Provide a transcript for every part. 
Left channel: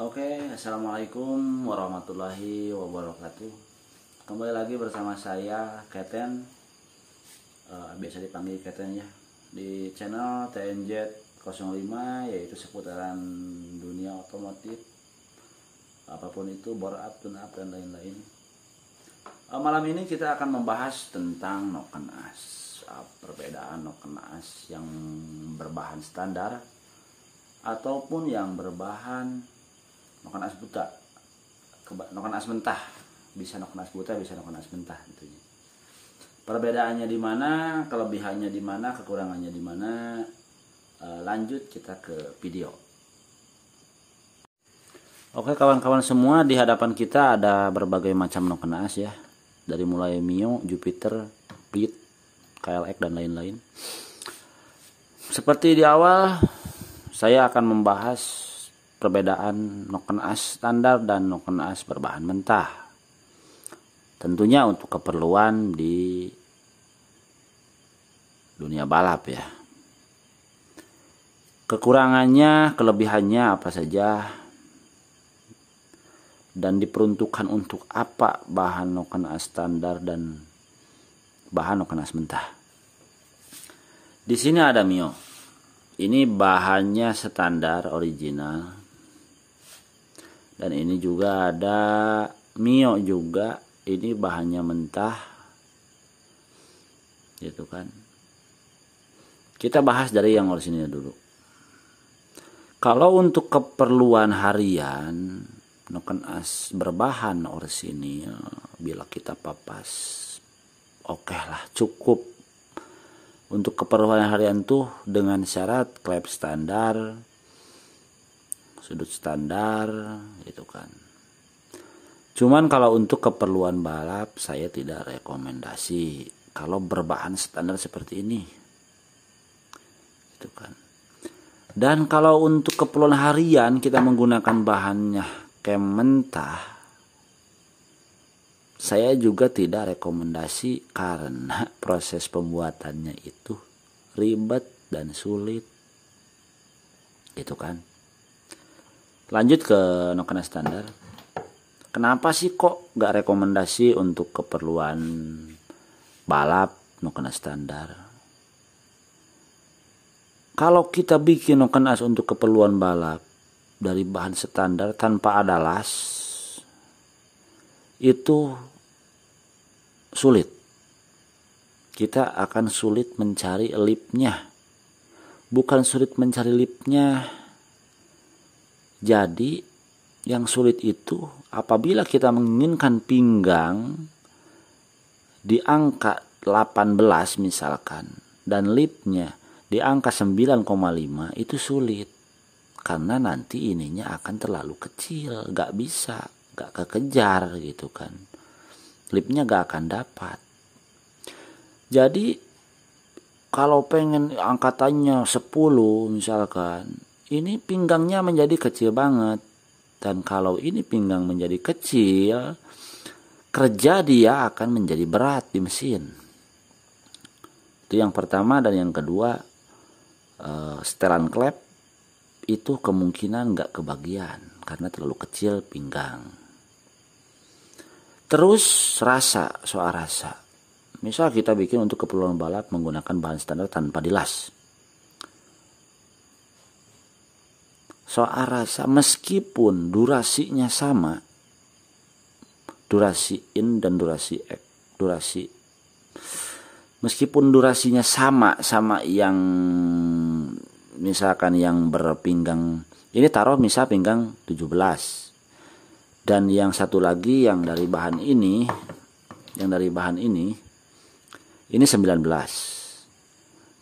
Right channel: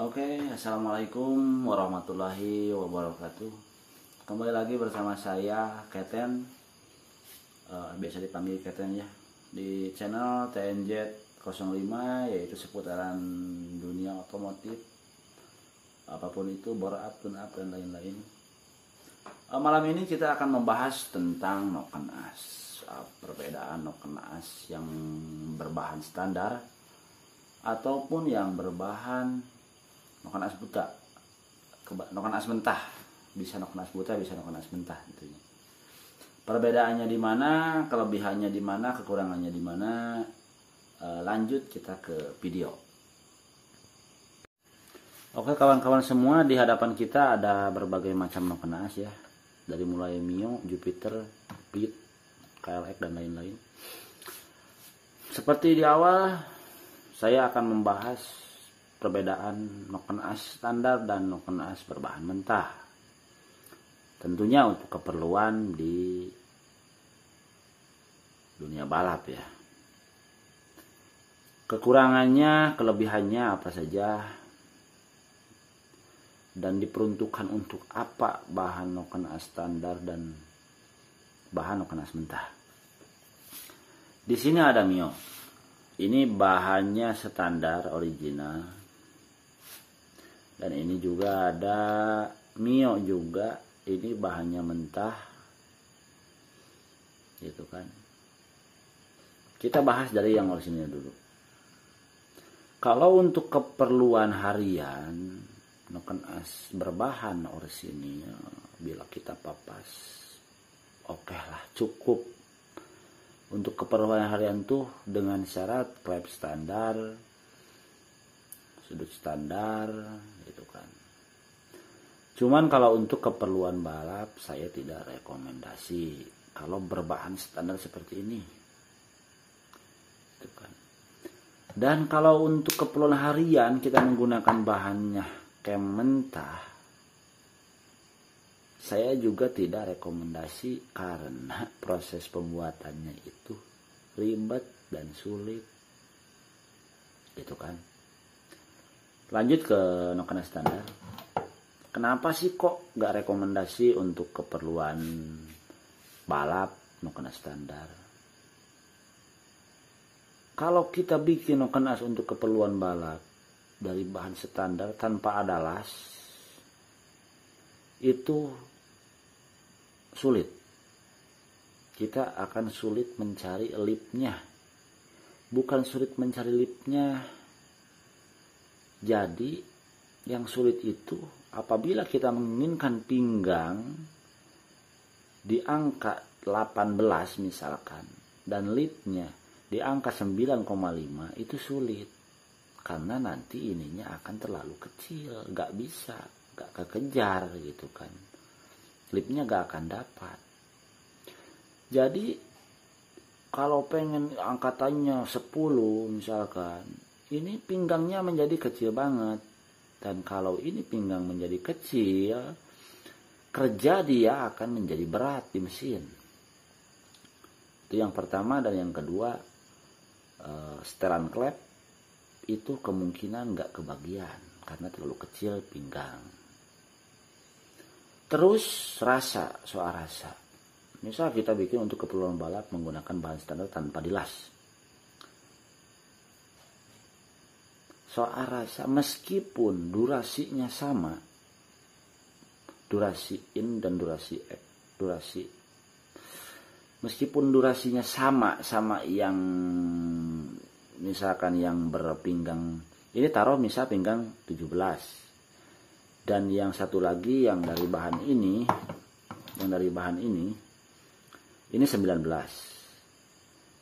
Oke, assalamualaikum warahmatullahi wabarakatuh. Kembali lagi bersama saya Keten, biasa dipanggil Keten ya, di channel TNZ05, yaitu seputaran dunia otomotif, apapun itu, bore up, tune up, dan lain-lain. Malam ini kita akan membahas tentang noken as, perbedaan noken as yang berbahan standar ataupun yang berbahan noken as buta, noken as mentah. Bisa noken as buta, bisa noken as mentah tentunya. Perbedaannya di mana, kelebihannya di mana, kekurangannya di mana. Lanjut kita ke video. Oke kawan-kawan semua, di hadapan kita ada berbagai macam noken as ya. Dari mulai Mio, Jupiter, Beat, KLX dan lain-lain. Seperti di awal, saya akan membahas perbedaan noken as standar dan noken as berbahan mentah. Tentunya untuk keperluan di dunia balap ya. Kekurangannya, kelebihannya apa saja, dan diperuntukkan untuk apa bahan noken as standar dan bahan noken as mentah. Di sini ada Mio. Ini bahannya standar original. Dan ini juga ada Mio juga, ini bahannya mentah. Gitu kan. Kita bahas dari yang orisinil dulu. Kalau untuk keperluan harian, noken as berbahan orisinil, bila kita papas, oke lah, cukup. Untuk keperluan harian tuh dengan syarat klep standar, sudut standar, gitu kan. Cuman kalau untuk keperluan balap, saya tidak rekomendasi kalau berbahan standar seperti ini, gitu kan. Dan kalau untuk keperluan harian kita menggunakan bahannya kem mentah, saya juga tidak rekomendasi karena proses pembuatannya itu ribet dan sulit, gitu kan. Lanjut ke noken as standar. Kenapa sih kok gak rekomendasi untuk keperluan balap noken as standar? Kalau kita bikin noken as untuk keperluan balap dari bahan standar tanpa ada las, itu sulit. Kita akan sulit mencari lipnya. Bukan sulit mencari lipnya. Jadi yang sulit itu apabila kita menginginkan pinggang di angka 18 misalkan, dan lipnya di angka 9,5, itu sulit. Karena nanti ininya akan terlalu kecil, gak bisa, gak kekejar gitu kan. Lipnya gak akan dapat. Jadi kalau pengen angkatannya 10 misalkan, ini pinggangnya menjadi kecil banget. Dan kalau ini pinggang menjadi kecil, kerja dia akan menjadi berat di mesin. Itu yang pertama. Dan yang kedua, setelan klep itu kemungkinan nggak kebagian karena terlalu kecil pinggang. Terus rasa, soal rasa. Misal kita bikin untuk keperluan balap menggunakan bahan standar tanpa dilas. Soal rasa, meskipun durasinya sama, durasi in dan durasi X, meskipun durasinya sama yang misalkan yang berpinggang, ini taruh misal pinggang 17, dan yang satu lagi yang dari bahan ini, ini 19.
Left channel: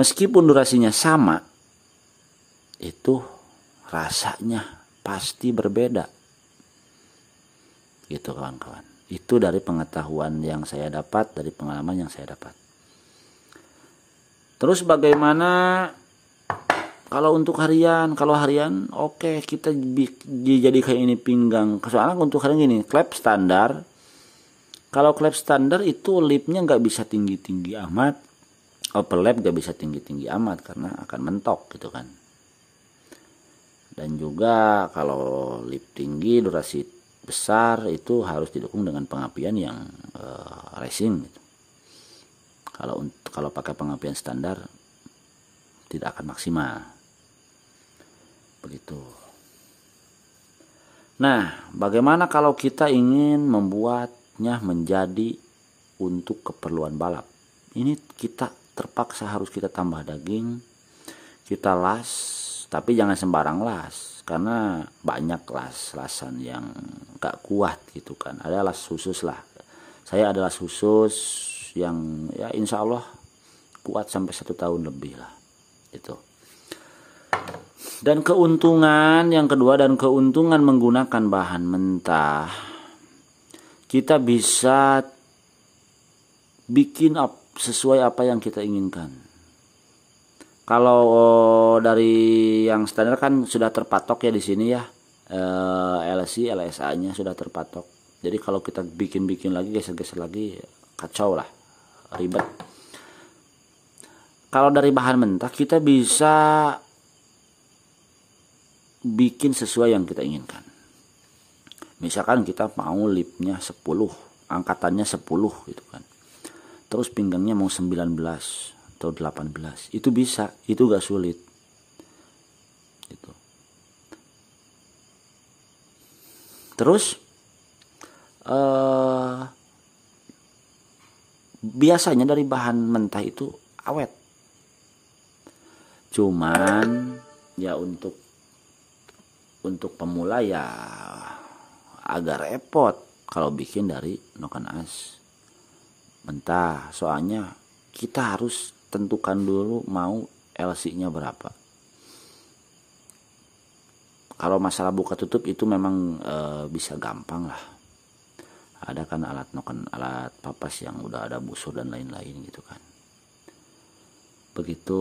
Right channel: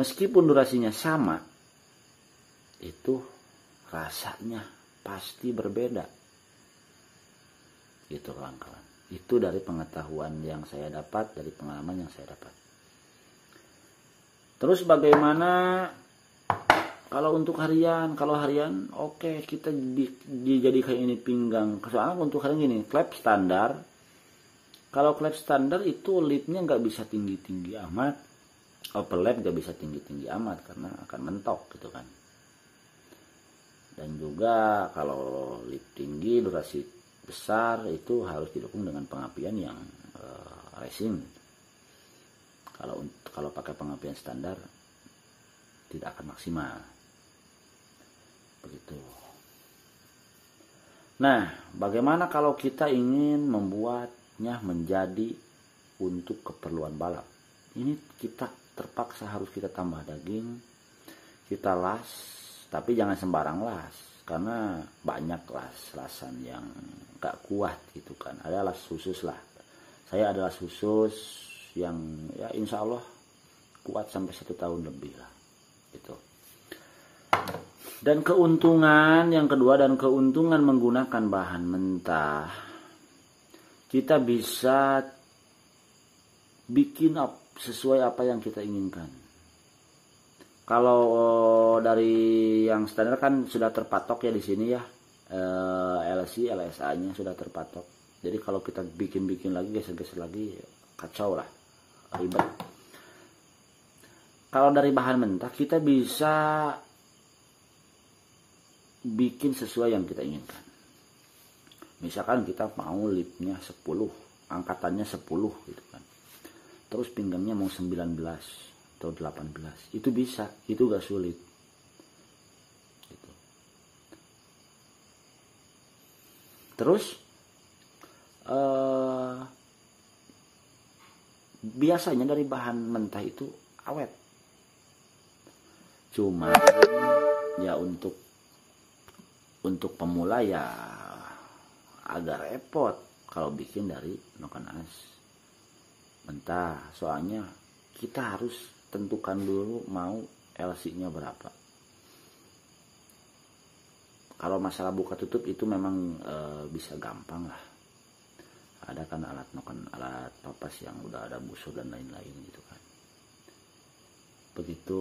Meskipun durasinya sama, itu rasanya pasti berbeda, gitu kawan-kawan. Itu dari pengetahuan yang saya dapat, dari pengalaman yang saya dapat. Terus bagaimana kalau untuk harian? Kalau harian oke, kita dijadikan ini pinggang. Soalnya untuk harian gini, klep standar. Kalau klep standar itu lipnya nggak bisa tinggi-tinggi amat, overlap nggak bisa tinggi-tinggi amat karena akan mentok gitu kan. Dan juga kalau lip tinggi durasi besar itu harus didukung dengan pengapian yang racing gitu. Kalau pakai pengapian standar tidak akan maksimal. Begitu. Nah, bagaimana kalau kita ingin membuatnya menjadi untuk keperluan balap? Ini kita terpaksa harus kita tambah daging, kita las, tapi jangan sembarang las, karena banyak lasan yang gak kuat gitu kan. Ada las khusus lah. Saya ada las khusus yang ya insya Allah kuat sampai 1 tahun lebih lah gitu. Dan keuntungan yang kedua, dan keuntungan menggunakan bahan mentah, kita bisa bikin sesuai apa yang kita inginkan. Kalau dari yang standar kan sudah terpatok ya di sini ya, LSI, LSA-nya sudah terpatok. Jadi kalau kita bikin lagi, geser-geser lagi, kacau lah, ribet. Kalau dari bahan mentah kita bisa bikin sesuai yang kita inginkan. Misalkan kita mau lipnya 10, angkatannya 10 gitu kan. Terus pinggangnya mau 19 atau 18. Itu bisa, itu gak sulit. Gitu. Terus biasanya dari bahan mentah itu awet. Cuman ya untuk pemula ya agak repot kalau bikin dari noken as mentah. Soalnya kita harus tentukan dulu mau LC-nya berapa. Kalau masalah buka tutup itu memang bisa gampang lah. Ada kan alat noken, alat papas yang udah ada busur dan lain-lain gitu kan. Begitu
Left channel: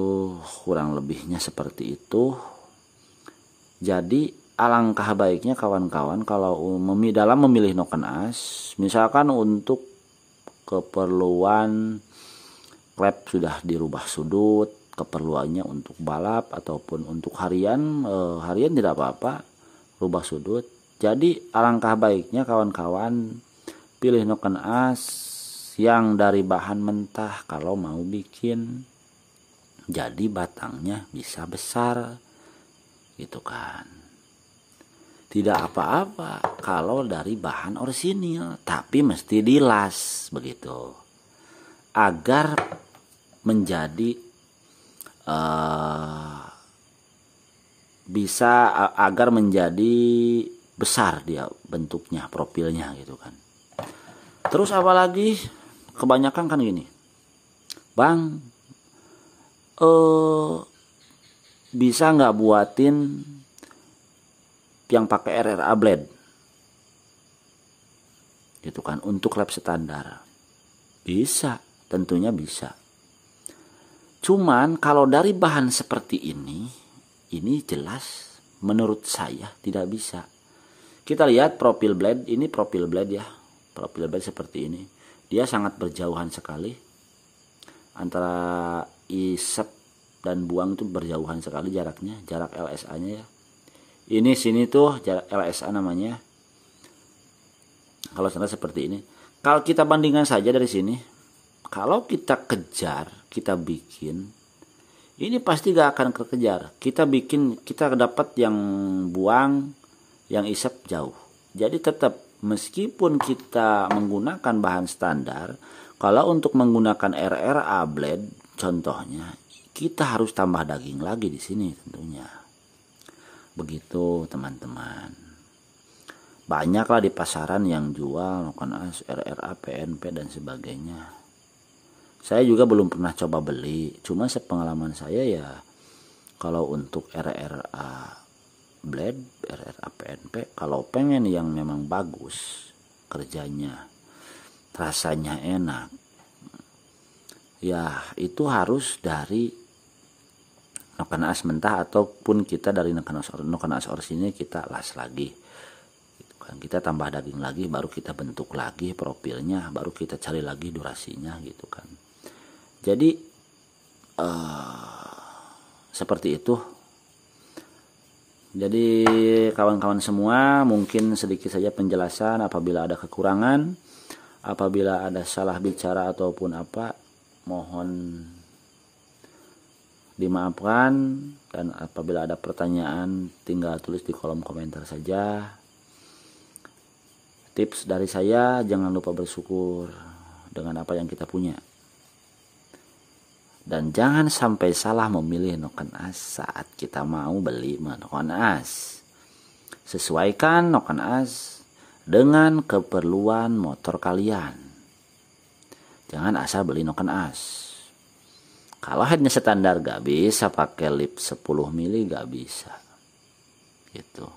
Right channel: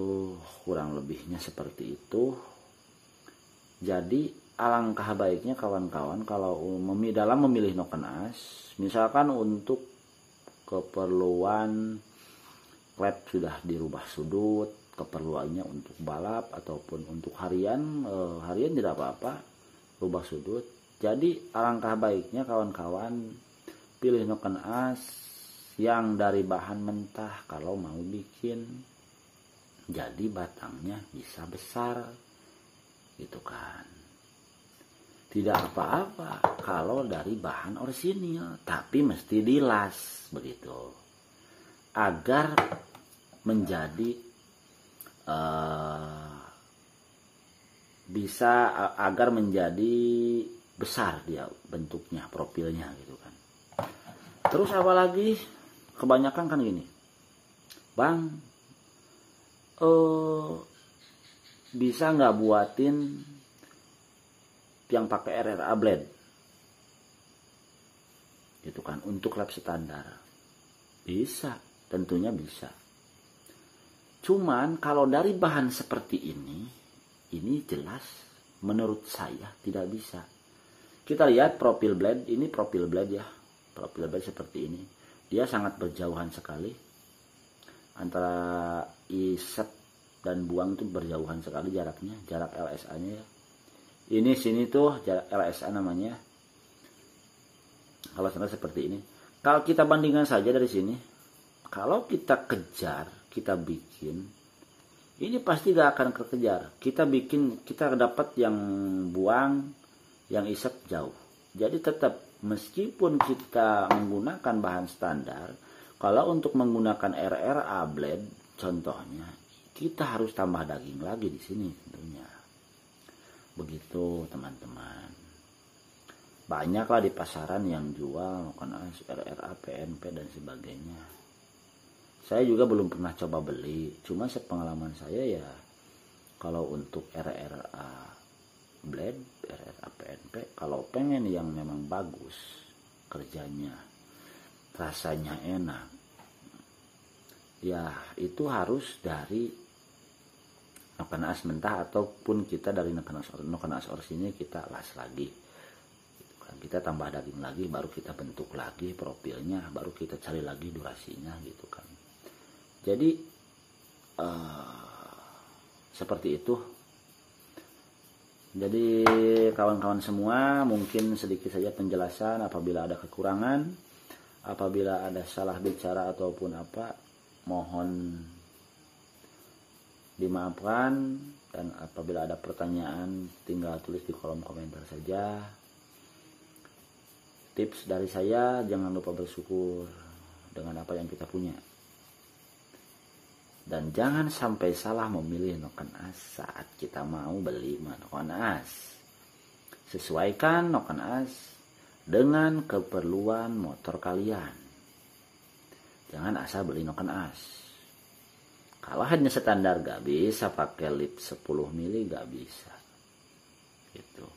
kurang lebihnya seperti itu. Jadi alangkah baiknya kawan-kawan kalau dalam memilih noken as, misalkan untuk keperluan lap sudah dirubah sudut, keperluannya untuk balap ataupun untuk harian tidak apa-apa, rubah sudut. Jadi alangkah baiknya kawan-kawan pilih noken as yang dari bahan mentah kalau mau bikin jadi batangnya bisa besar gitu kan. Tidak apa-apa kalau dari bahan orisinil, tapi mesti dilas begitu agar menjadi agar menjadi besar dia bentuknya, profilnya gitu kan. Terus apalagi kebanyakan kan gini, Bang, bisa nggak buatin yang pakai RRA blade gitu kan untuk lap standar? Bisa, tentunya bisa. Cuman kalau dari bahan seperti ini jelas menurut saya tidak bisa. Kita lihat profil blade, ini profil blade ya, profil blade seperti ini, dia sangat berjauhan sekali antara isep dan buang itu, berjauhan sekali jaraknya, jarak LSA nya ya. Ini sini tuh jarak LSA namanya. Kalau standar seperti ini. Kalau kita bandingkan saja dari sini, kalau kita kejar, kita bikin, ini pasti gak akan kekejar. Kita bikin, kita dapat yang buang, yang isep jauh. Jadi tetap meskipun kita menggunakan bahan standar, kalau untuk menggunakan RRA blade contohnya, kita harus tambah daging lagi di sini tentunya. Begitu teman-teman. Banyaklah di pasaran yang jual noken as, RRA, PNP dan sebagainya. Saya juga belum pernah coba beli, cuma sepengalaman saya ya kalau untuk RRA blade, RRA PNP, kalau pengen yang memang bagus kerjanya, rasanya enak, ya itu harus dari noken as mentah ataupun kita dari noken as orisinil kita las lagi gitu kan. Kita tambah daging lagi, baru kita bentuk lagi profilnya, baru kita cari lagi durasinya gitu kan. Jadi seperti itu. Jadi kawan-kawan semua, mungkin sedikit saja penjelasan. Apabila ada kekurangan, apabila ada salah bicara ataupun apa, mohon dimaafkan. Dan apabila ada pertanyaan, tinggal tulis di kolom komentar saja. Tips dari saya, jangan lupa bersyukur dengan apa yang kita punya. Dan jangan sampai salah memilih noken as saat kita mau beli noken as. Sesuaikan noken as dengan keperluan motor kalian. Jangan asal beli noken as. Kalau headnya standar gak bisa pakai lip 10 mili, gak bisa. Gitu.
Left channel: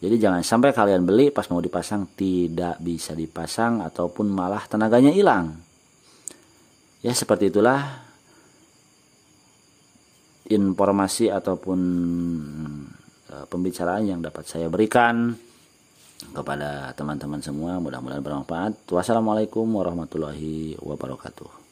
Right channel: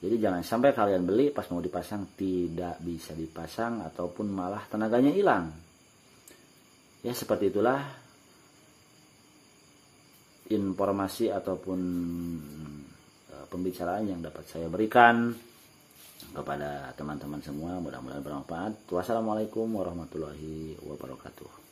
Jadi jangan sampai kalian beli pas mau dipasang tidak bisa dipasang ataupun malah tenaganya hilang. Ya seperti itulah informasi ataupun pembicaraan yang dapat saya berikan kepada teman-teman semua. Mudah-mudahan bermanfaat. Wassalamualaikum warahmatullahi wabarakatuh.